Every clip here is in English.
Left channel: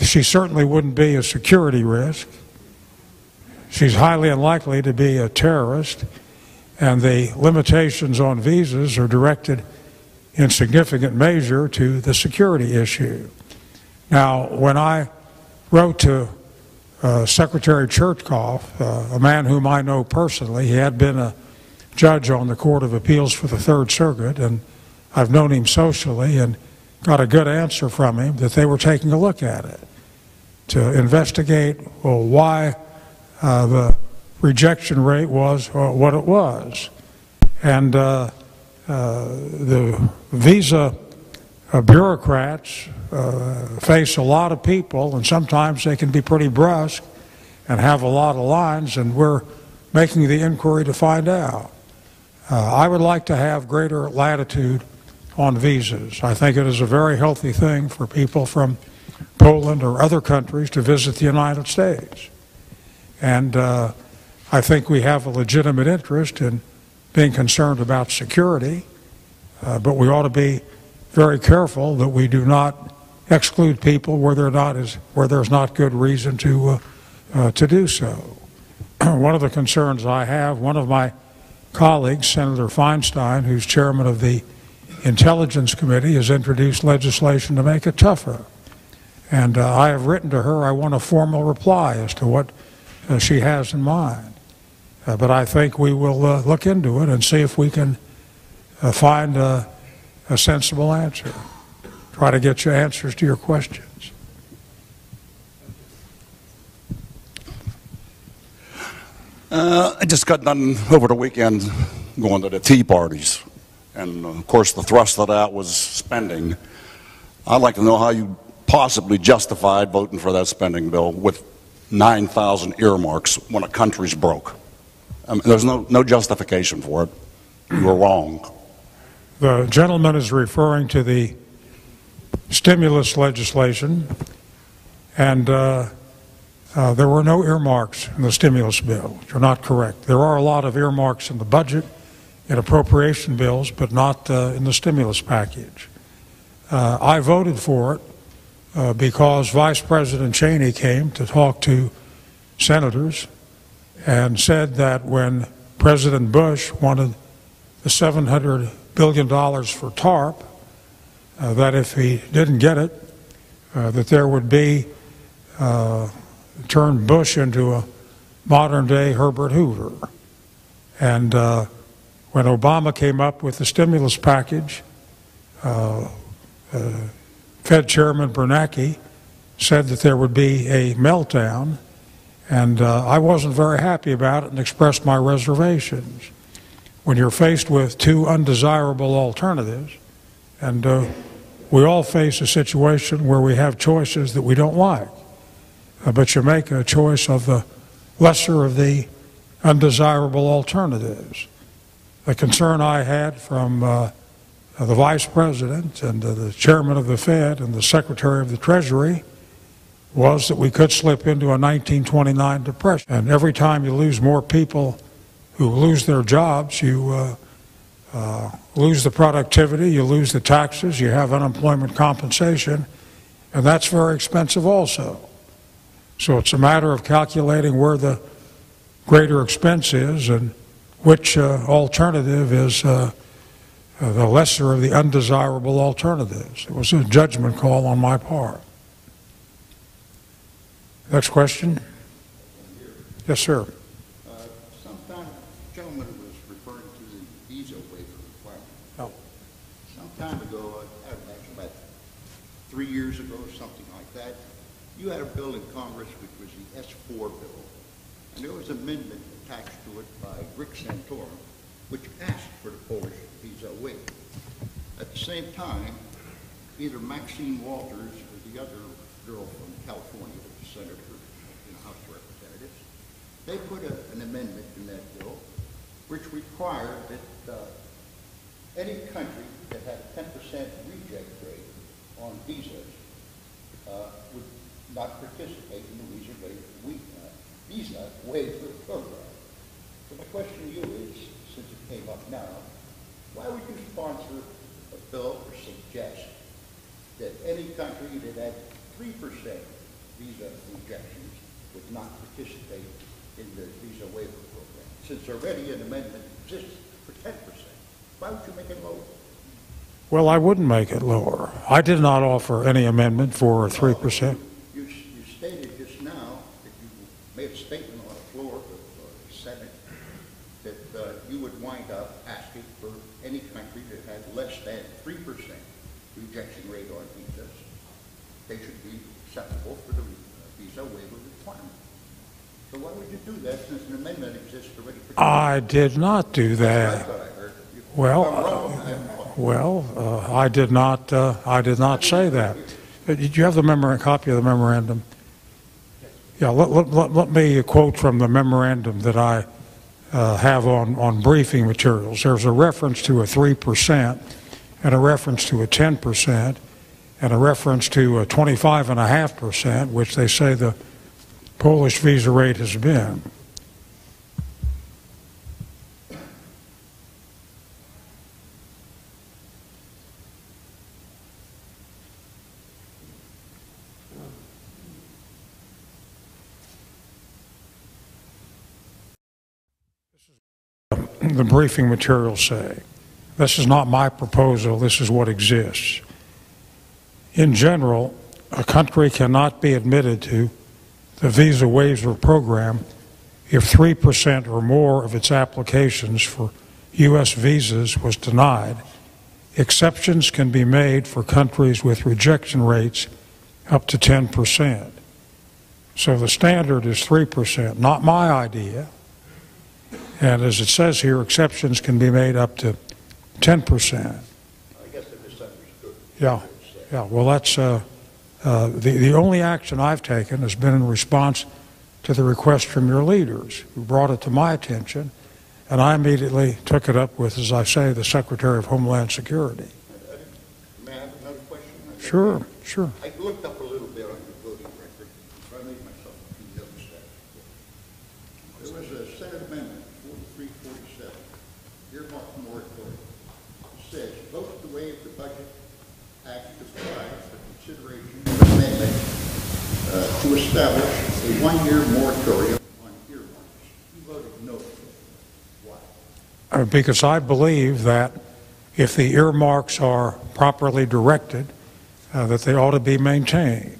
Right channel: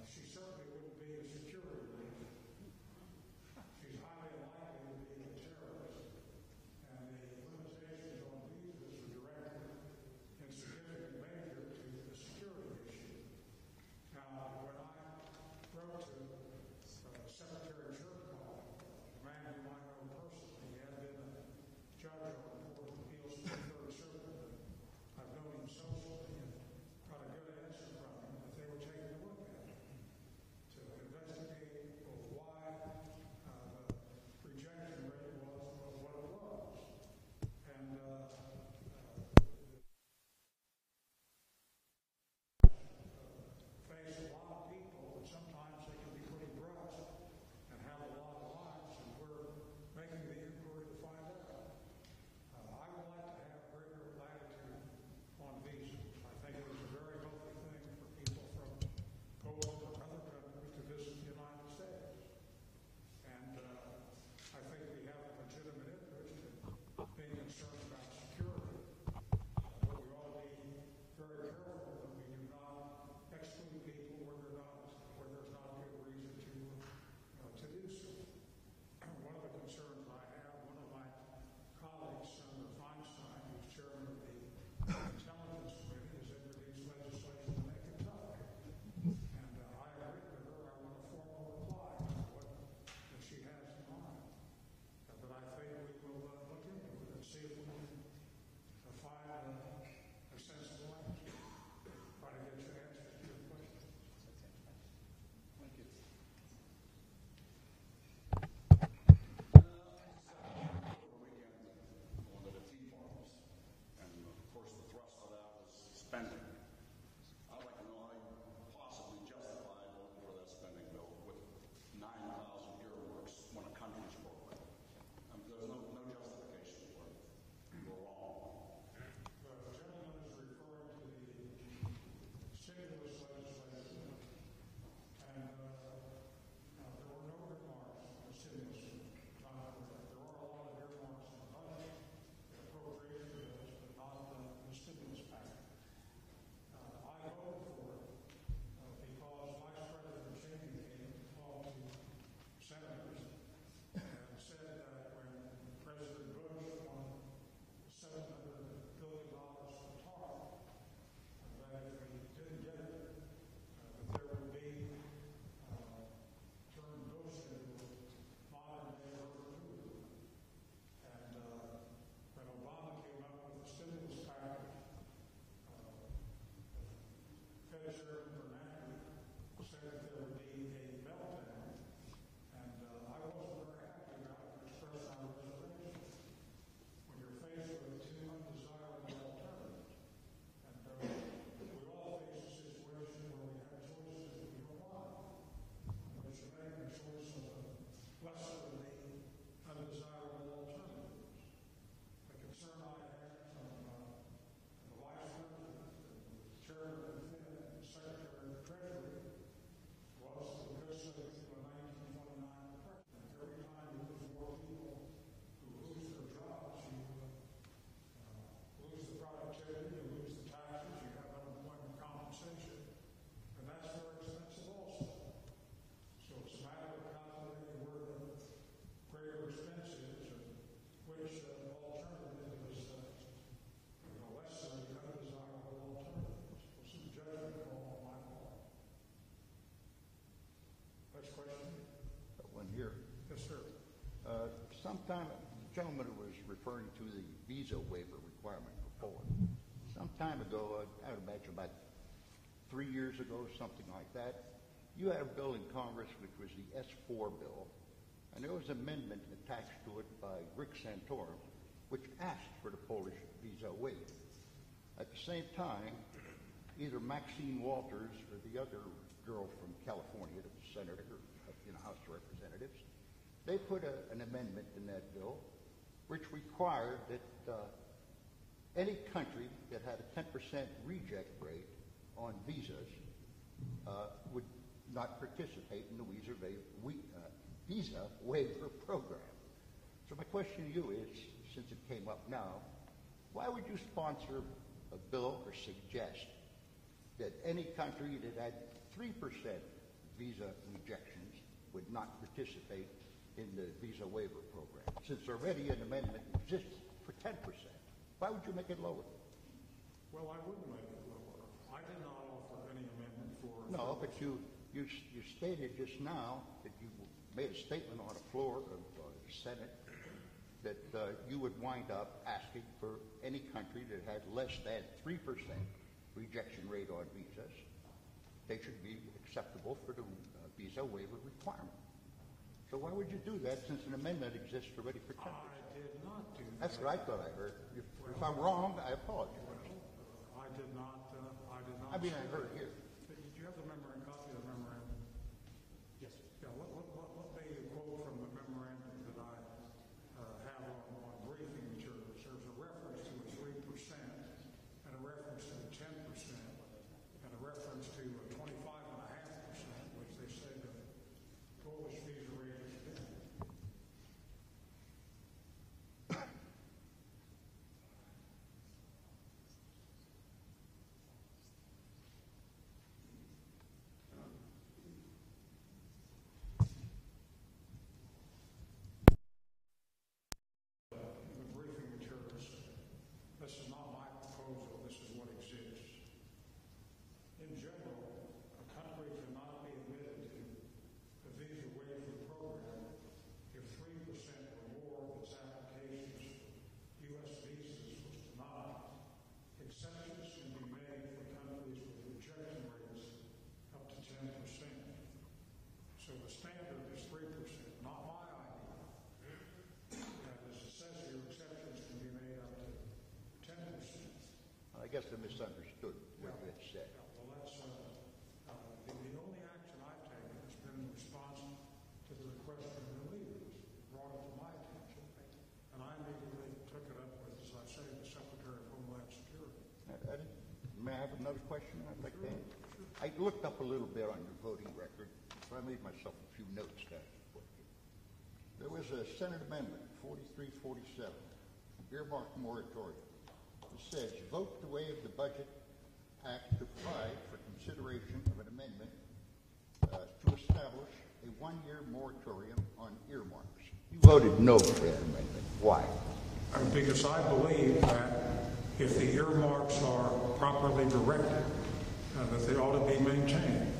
She certainly wouldn't be a security risk. She's highly unlikely to be a terrorist, and the limitations on visas are directed in significant measure to the security issue. Now, when I wrote to Secretary Chertoff, a man whom I know personally, he had been a judge on the Court of Appeals for the Third Circuit, and I've known him socially and got a good answer from him that they were taking a look at it to investigate, well, why the rejection rate was what it was. And the visa bureaucrats face a lot of people, and sometimes they can be pretty brusque and have a lot of lines, and we're making the inquiry to find out. I would like to have greater latitude on visas. I think it is a very healthy thing for people from Poland or other countries to visit the United States. And I think we have a legitimate interest in being concerned about security, but we ought to be very careful that we do not exclude people where there's not good reason to do so. One of the concerns I have, one of my colleagues, Senator Feinstein, who's chairman of the Intelligence Committee, has introduced legislation to make it tougher. And I have written to her. I want a formal reply as to what she has in mind. But I think we will look into it and see if we can find a sensible answer. Try to get you answers to your questions. I just got done over the weekend going to the tea parties. And of course the thrust of that was spending. I'd like to know how you possibly justified voting for that spending bill with 9,000 earmarks when a country's broke. I mean, there's no justification for it. You were wrong. The gentleman is referring to the stimulus legislation, and there were no earmarks in the stimulus bill. You're not correct. There are a lot of earmarks in the budget, in appropriation bills, but not in the stimulus package. I voted for it because Vice President Cheney came to talk to senators and said that when President Bush wanted the $700 billion for TARP, that if he didn't get it, that there would be turn Bush into a modern-day Herbert Hoover. And when Obama came up with the stimulus package, Fed Chairman Bernanke said that there would be a meltdown, and I wasn't very happy about it and expressed my reservations. When you're faced with two undesirable alternatives, and we all face a situation where we have choices that we don't like, but you make a choice of the lesser of the undesirable alternatives. The concern I had from the Vice President and the Chairman of the Fed and the Secretary of the Treasury was that we could slip into a 1929 depression. And every time you lose more people who lose their jobs, you lose the productivity, you lose the taxes, you have unemployment compensation, and that's very expensive also. So it's a matter of calculating where the greater expense is and which alternative is the lesser of the undesirable alternatives. It was a judgment call on my part. Next question. Yes, sir. Sometime, the gentleman was referring to the visa waiver requirement. Oh. Some time ago, I imagine about 3 years ago or something like that, you had a bill in Congress which was the S4 bill, and there was an amendment attached to it by Rick Santorum, which passed for the Polish visa waiver. At the same time, either Maxine Walters or the other girl from California, the senator in the House of Representatives, they put an amendment in that bill which required that any country that had a 10% reject rate on visas would not participate in the visa waiver program. So my question to you is, since it came up now, why would you sponsor a bill or suggest that any country that had 3% since already an amendment exists for 10%. Why would you make it lower? Well, I wouldn't make it lower. I did not offer any amendment for 3%. You stated just now that you made a statement on the floor of the Senate that you would wind up asking for any country that had less than 3% rejection rate on visas, they should be acceptable for the visa waiver requirement. So why would you do that since an amendment exists already? I did not do that. That's what I heard. I did not. I did not say that. Did you have the copy of the memorandum? Yeah. Let me quote from the memorandum that I have on briefing materials. There's a reference to a 3%, and a reference to a 10%, and a reference to a 25.5%, which they say the Polish visa rate has been. The briefing materials say. This is not my proposal, this is what exists. In general, a country cannot be admitted to the visa waiver program if 3% or more of its applications for U.S. visas was denied. Exceptions can be made for countries with rejection rates up to 10%. So the standard is 3%, not my idea. And as it says here, exceptions can be made up to 10%. I guess I misunderstood. Yeah. Well, that's the only action I've taken has been in response to the request from your leaders, who brought it to my attention, and I immediately took it up with, as I say, the Secretary of Homeland Security. May I have another question? Sure. I looked up a little bit on your voting record, so I made myself a few notes there. There was a Senate amendment, 4347, earmark moratorium. It says, vote to waive the budget act to provide for consideration of an amendment to establish a one-year moratorium on earmarks. You voted no for that amendment. Why? Because I believe that if the earmarks are properly directed, that they ought to be maintained.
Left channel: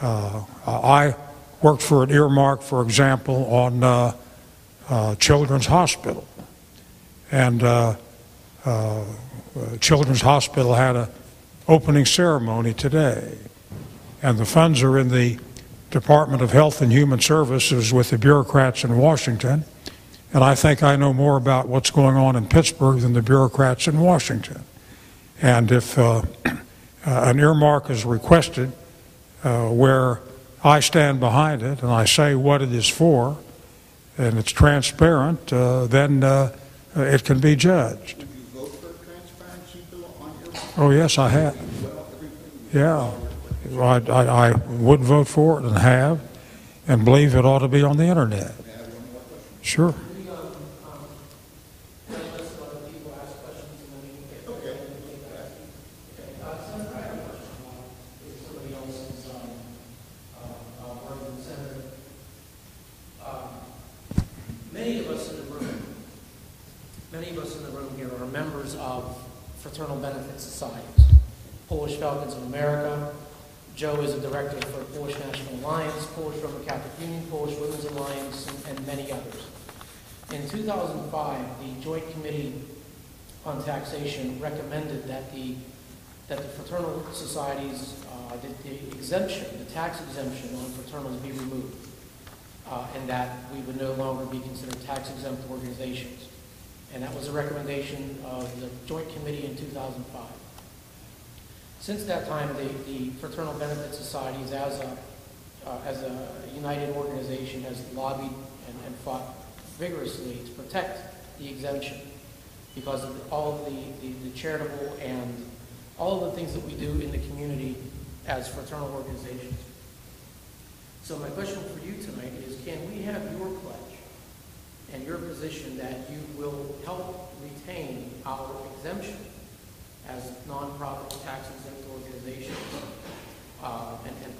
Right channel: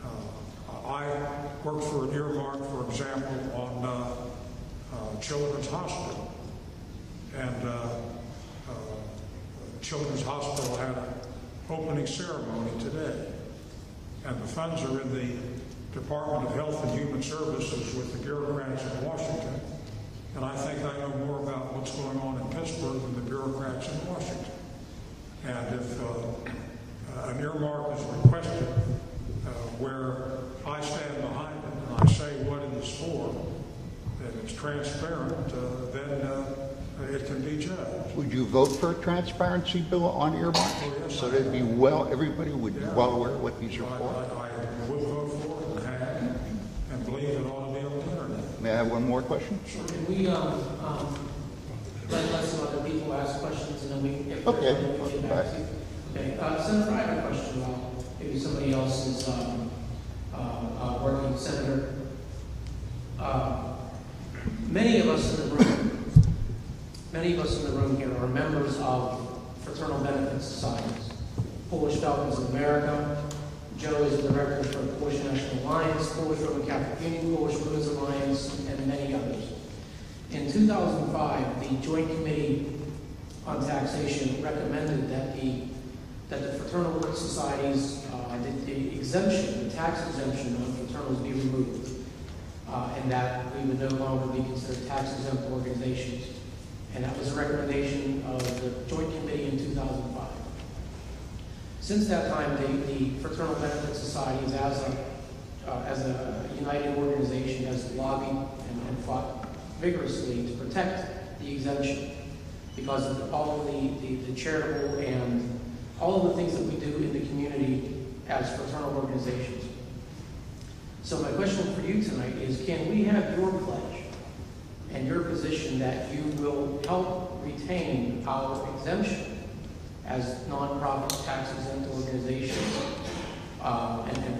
I worked for an earmark, for example, on Children's Hospital. And Children's Hospital had an opening ceremony today. And the funds are in the Department of Health and Human Services with the bureaucrats in Washington. And I think I know more about what's going on in Pittsburgh than the bureaucrats in Washington. And if an earmark is requested where I stand behind it and I say what it is for, and it's transparent, then it can be judged. Would you vote for a transparency bill on earmarks? Oh, yes, I have. Everybody would be well aware of what these are. I would vote for it and have, and believe it ought to be on the internet. May I have one more question? Sure. We let some other people ask questions, and then we can get Okay. Senator, I have a question. Maybe somebody else is working. Senator, many of us in the room here are members of fraternal benefit societies. Polish Falcons of America. Joe is a director for the Polish National Alliance, Polish Roman Catholic Union, Polish Women's Alliance, and many others. In 2005, the Joint Committee on Taxation recommended that the fraternal societies, the tax exemption on fraternals be removed, and that we would no longer be considered tax-exempt organizations. And that was a recommendation of the Joint Committee in 2005. Since that time, the Fraternal Benefit Societies, as a united organization, has lobbied and fought vigorously to protect the exemption because of all of the charitable and all of the things that we do in the community as fraternal organizations. So my question for you tonight is, can we have your pledge and your position that you will help retain our exemption as nonprofit tax-exempt organizations and